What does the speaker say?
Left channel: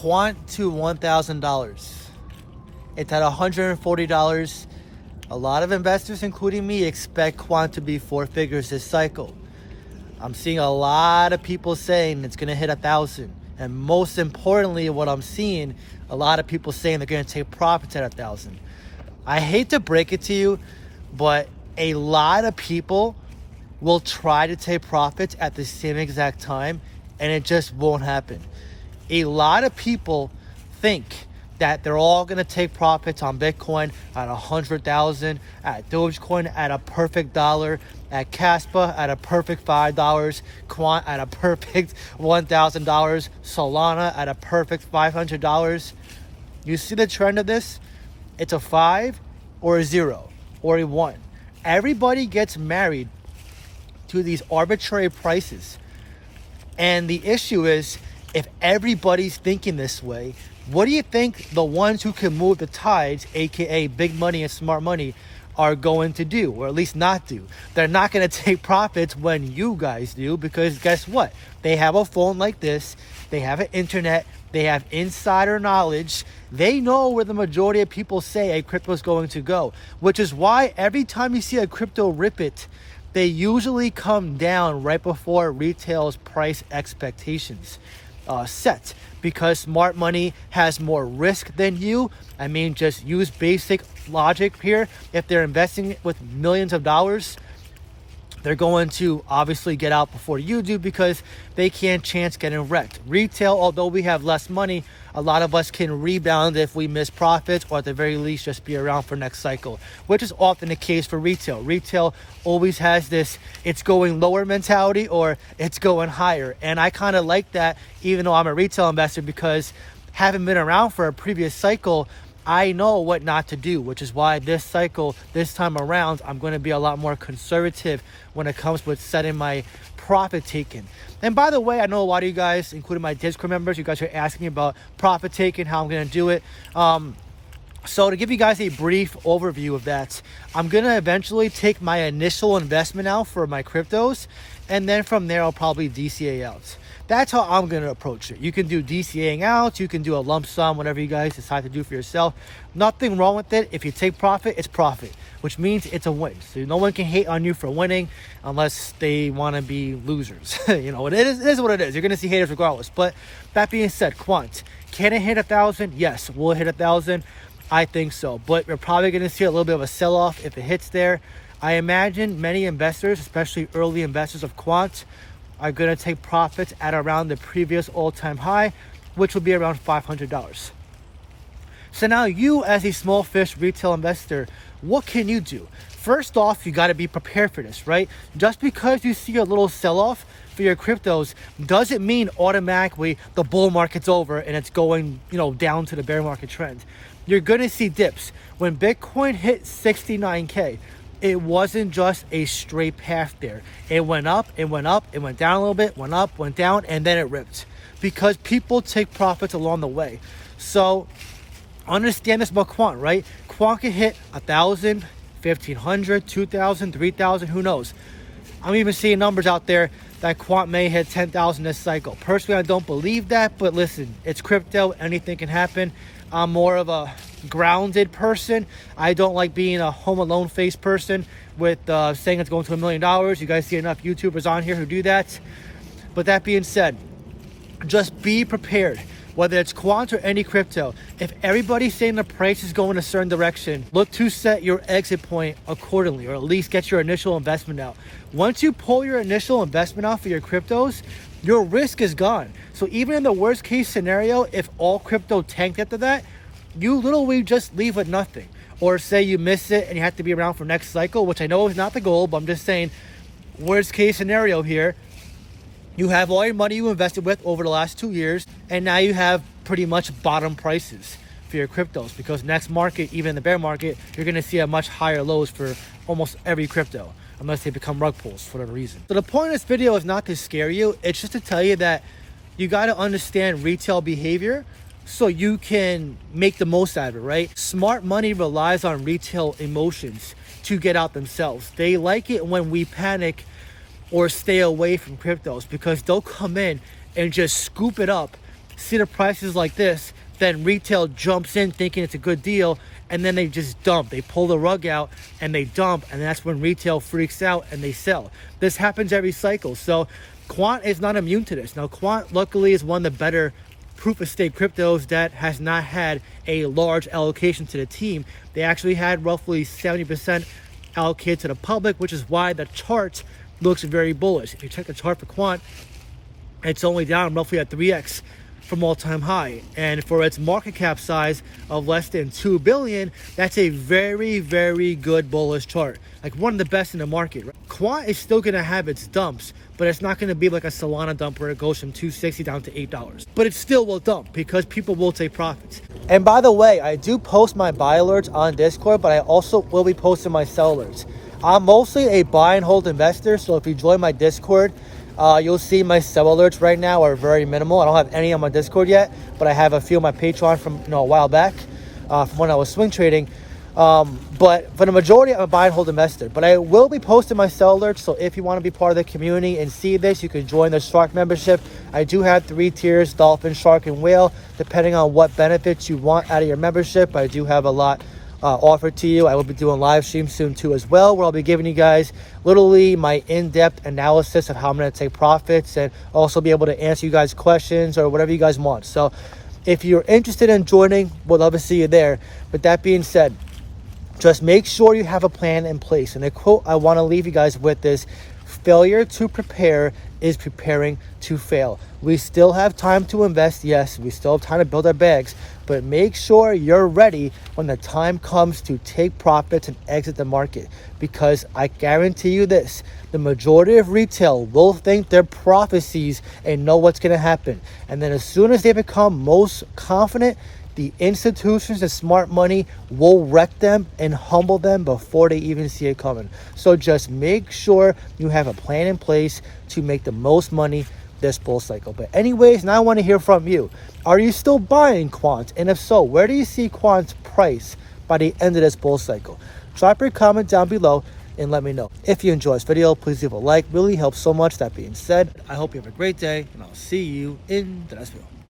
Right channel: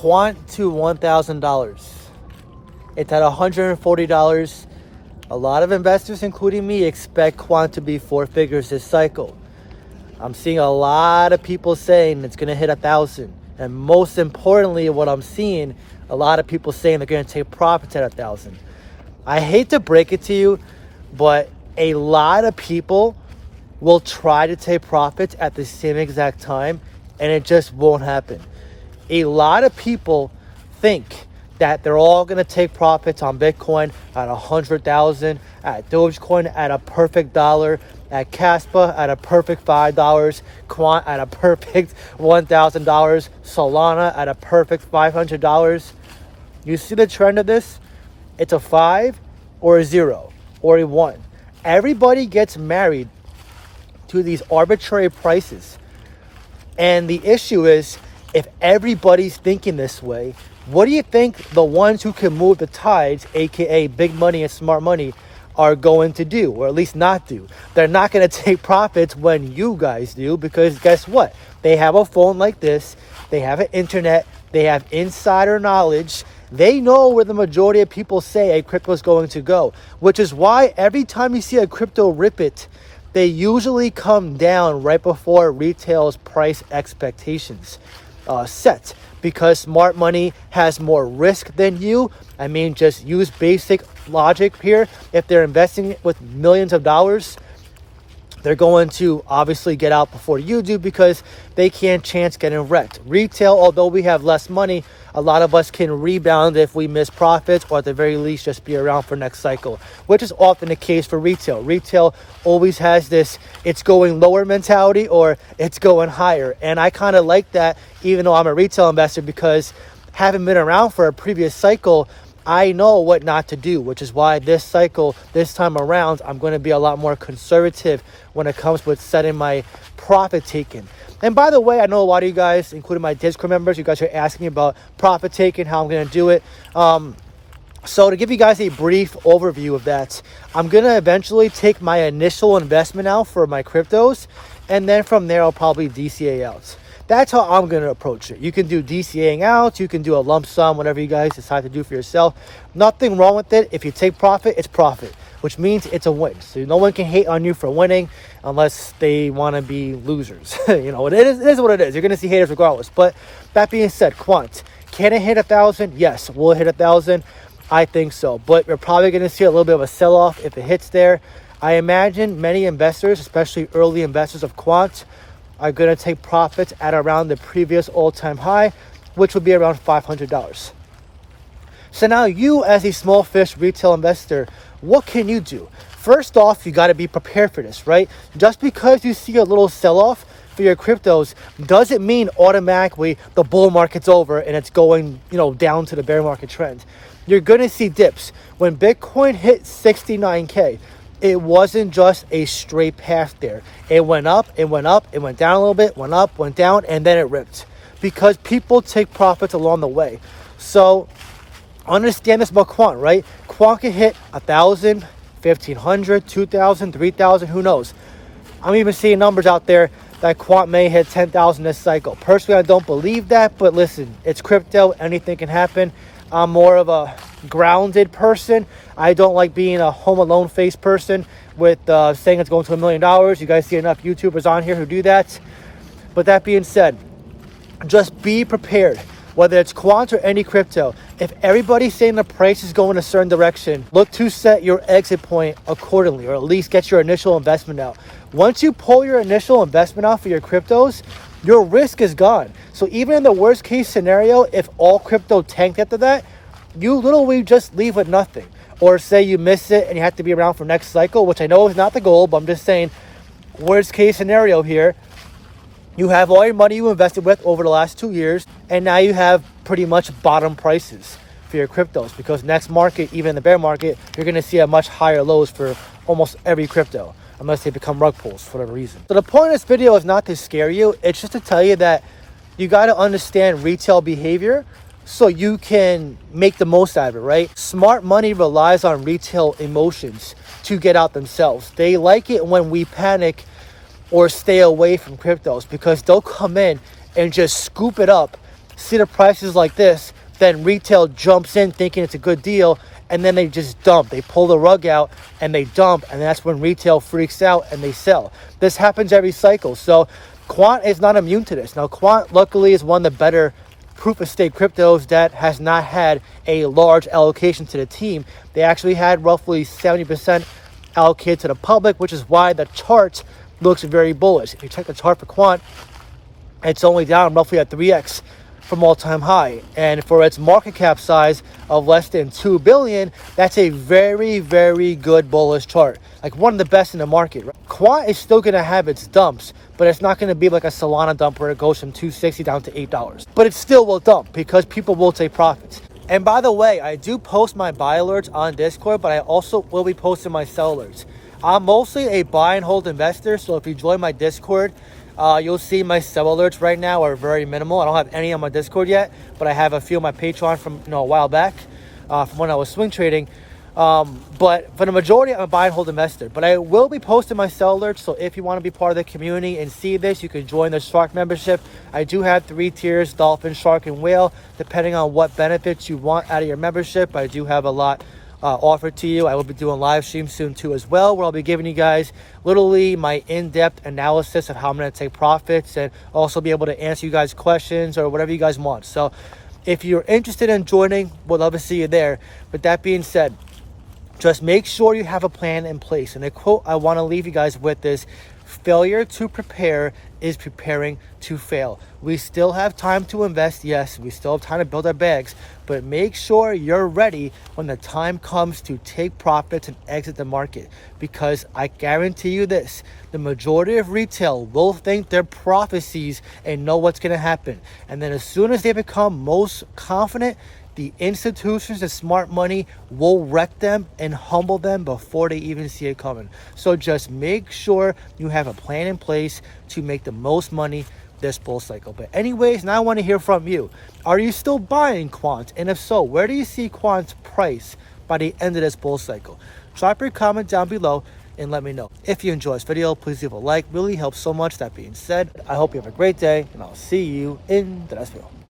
Quant to $1,000. It's at $140. A lot of investors, including me, expect Quant to be four figures this cycle. I'm seeing a lot of people saying it's going to hit 1,000. And most importantly, what I'm seeing, a lot of people saying they're going to take profits at 1,000. I hate to break it to you, but a lot of people will try to take profits at the same exact time, and it just won't happen. A lot of people think that they're all going to take profits on Bitcoin at 100,000, at Dogecoin at a perfect dollar, at Caspa at a perfect $5, Quant at a perfect $1,000, Solana at a perfect $500. You see the trend of this? It's a 5 or a 0 or a 1. Everybody gets married to these arbitrary prices. And the issue is, if everybody's thinking this way, what do you think the ones who can move the tides, aka big money and smart money, are going to do, or at least not do? They're not going to take profits when you guys do, because guess what? They have a phone like this, they have an internet, they have insider knowledge, they know where the majority of people say a crypto is going to go, which is why every time you see a crypto rip it, they usually come down right before retail's price expectations set, because smart money has more risk than you. I mean, just use basic logic here. If they're investing with millions of dollars, they're going to obviously get out before you do, because they can't chance getting wrecked. Retail, although we have less money, a lot of us can rebound if we miss profits, or at the very least just be around for next cycle, which is often the case for retail. Retail always has this it's going lower mentality or it's going higher. And I kind of like that, even though I'm a retail investor, because having been around for a previous cycle, I know what not to do, which is why this cycle, this time around, I'm going to be a lot more conservative when it comes with setting my profit taking. And by the way, I know a lot of you guys, including my Discord members, you guys are asking about profit taking, how I'm going to do it. So to give you guys a brief overview of that, I'm going to eventually take my initial investment out for my cryptos, and then from there, I'll probably DCA out. That's how I'm going to approach it. You can do DCAing out, you can do a lump sum, whatever you guys decide to do for yourself. Nothing wrong with it. If you take profit, it's profit, which means it's a win. So no one can hate on you for winning unless they want to be losers. You know, it is what it is. You're going to see haters regardless. But that being said, Quant, can it hit 1,000? Yes. Will it hit 1,000? I think so. But we're probably going to see a little bit of a sell-off if it hits there. I imagine many investors, especially early investors of Quant, are going to take profits at around the previous all-time high, which would be around $500. So now you, as a small fish retail investor, what can you do? First off, you got to be prepared for this, right? Just because you see a little sell-off for your cryptos doesn't mean automatically the bull market's over and it's going, down to the bear market trend. You're going to see dips. When Bitcoin hit 69K, it wasn't just a straight path there. It went up, it went up, it went down a little bit, went up, went down, and then it ripped. Because people take profits along the way. So understand this about Quant, right? Quant can hit 1,000, 1,500, 2,000, 3,000, who knows? I'm even seeing numbers out there that Quant may hit 10,000 this cycle. Personally, I don't believe that, but listen, it's crypto, anything can happen. I'm more of a grounded person. I don't like being a home alone face person with saying it's going to $1 million. You guys see enough YouTubers on here who do that. But that being said, just be prepared. Whether it's Quant or any crypto, if everybody's saying the price is going a certain direction, look to set your exit point accordingly, or at least get your initial investment out. Once you pull your initial investment out for your cryptos, your risk is gone. So even in the worst case scenario, if all crypto tanked after that, you literally just leave with nothing. Or say you miss it and you have to be around for next cycle, which I know is not the goal, but I'm just saying, worst case scenario here, you have all your money you invested with over the last 2 years, and now you have pretty much bottom prices for your cryptos, because next market, even in the bear market, you're going to see a much higher lows for almost every crypto, unless they become rug pulls for whatever reason. So the point of this video is not to scare you. It's just to tell you that you got to understand retail behavior so you can make the most out of it, right? Smart money relies on retail emotions to get out themselves. They like it when we panic or stay away from cryptos, because they'll come in and just scoop it up see the prices like this, then retail jumps in thinking it's a good deal, and then they just dump. They pull the rug out and they dump, and that's when retail freaks out and they sell. This happens every cycle. So Quant is not immune to this. Now, Quant luckily is one of the better proof of stake cryptos that has not had a large allocation to the team. They actually had roughly 70% allocated to the public, which is why the chart looks very bullish. If you check the chart for Quant, it's only down roughly at 3x from all-time high, and for its market cap size of less than 2 billion, that's a very, very good bullish chart, like one of the best in the market. Quant is still going to have its dumps, but it's not going to be like a Solana dump where it goes from $2.60 down to $8, but it still will dump because people will take profits. And by the way, I do post my buy alerts on Discord, but I also will be posting my sell alerts. I'm mostly a buy and hold investor, so if you join my Discord, you'll see my sell alerts right now are very minimal. I don't have any on my Discord yet, but I have a few on my Patreon from a while back, from when I was swing trading. But for the majority, I'm a buy and hold investor. But I will be posting my sell alerts, so if you want to be part of the community and see this, you can join the Shark membership. I do have 3 tiers: Dolphin, Shark, and Whale, depending on what benefits you want out of your membership. I do have a lot offered to you. I will be doing live streams soon too as well, where I'll be giving you guys literally my in-depth analysis of how I'm going to take profits, and also be able to answer you guys questions or whatever you guys want. So if you're interested in joining, we'd love to see you there. With that being said, just make sure you have a plan in place. And the quote I want to leave you guys with is, failure to prepare is preparing to fail. We still have time to invest. Yes, we still have time to build our bags, but make sure you're ready when the time comes to take profits and exit the market. Because I guarantee you this, the majority of retail will think they're prophecies and know what's going to happen. And then as soon as they become most confident, the institutions and smart money will wreck them and humble them before they even see it coming. So just make sure you have a plan in place to make the most money this bull cycle. But anyways, now I want to hear from you. Are you still buying Quant? And if so, where do you see Quant's price by the end of this bull cycle? Drop your comment down below and let me know. If you enjoyed this video, please leave a like. Really helps so much. That being said, I hope you have a great day, and I'll see you in the next video.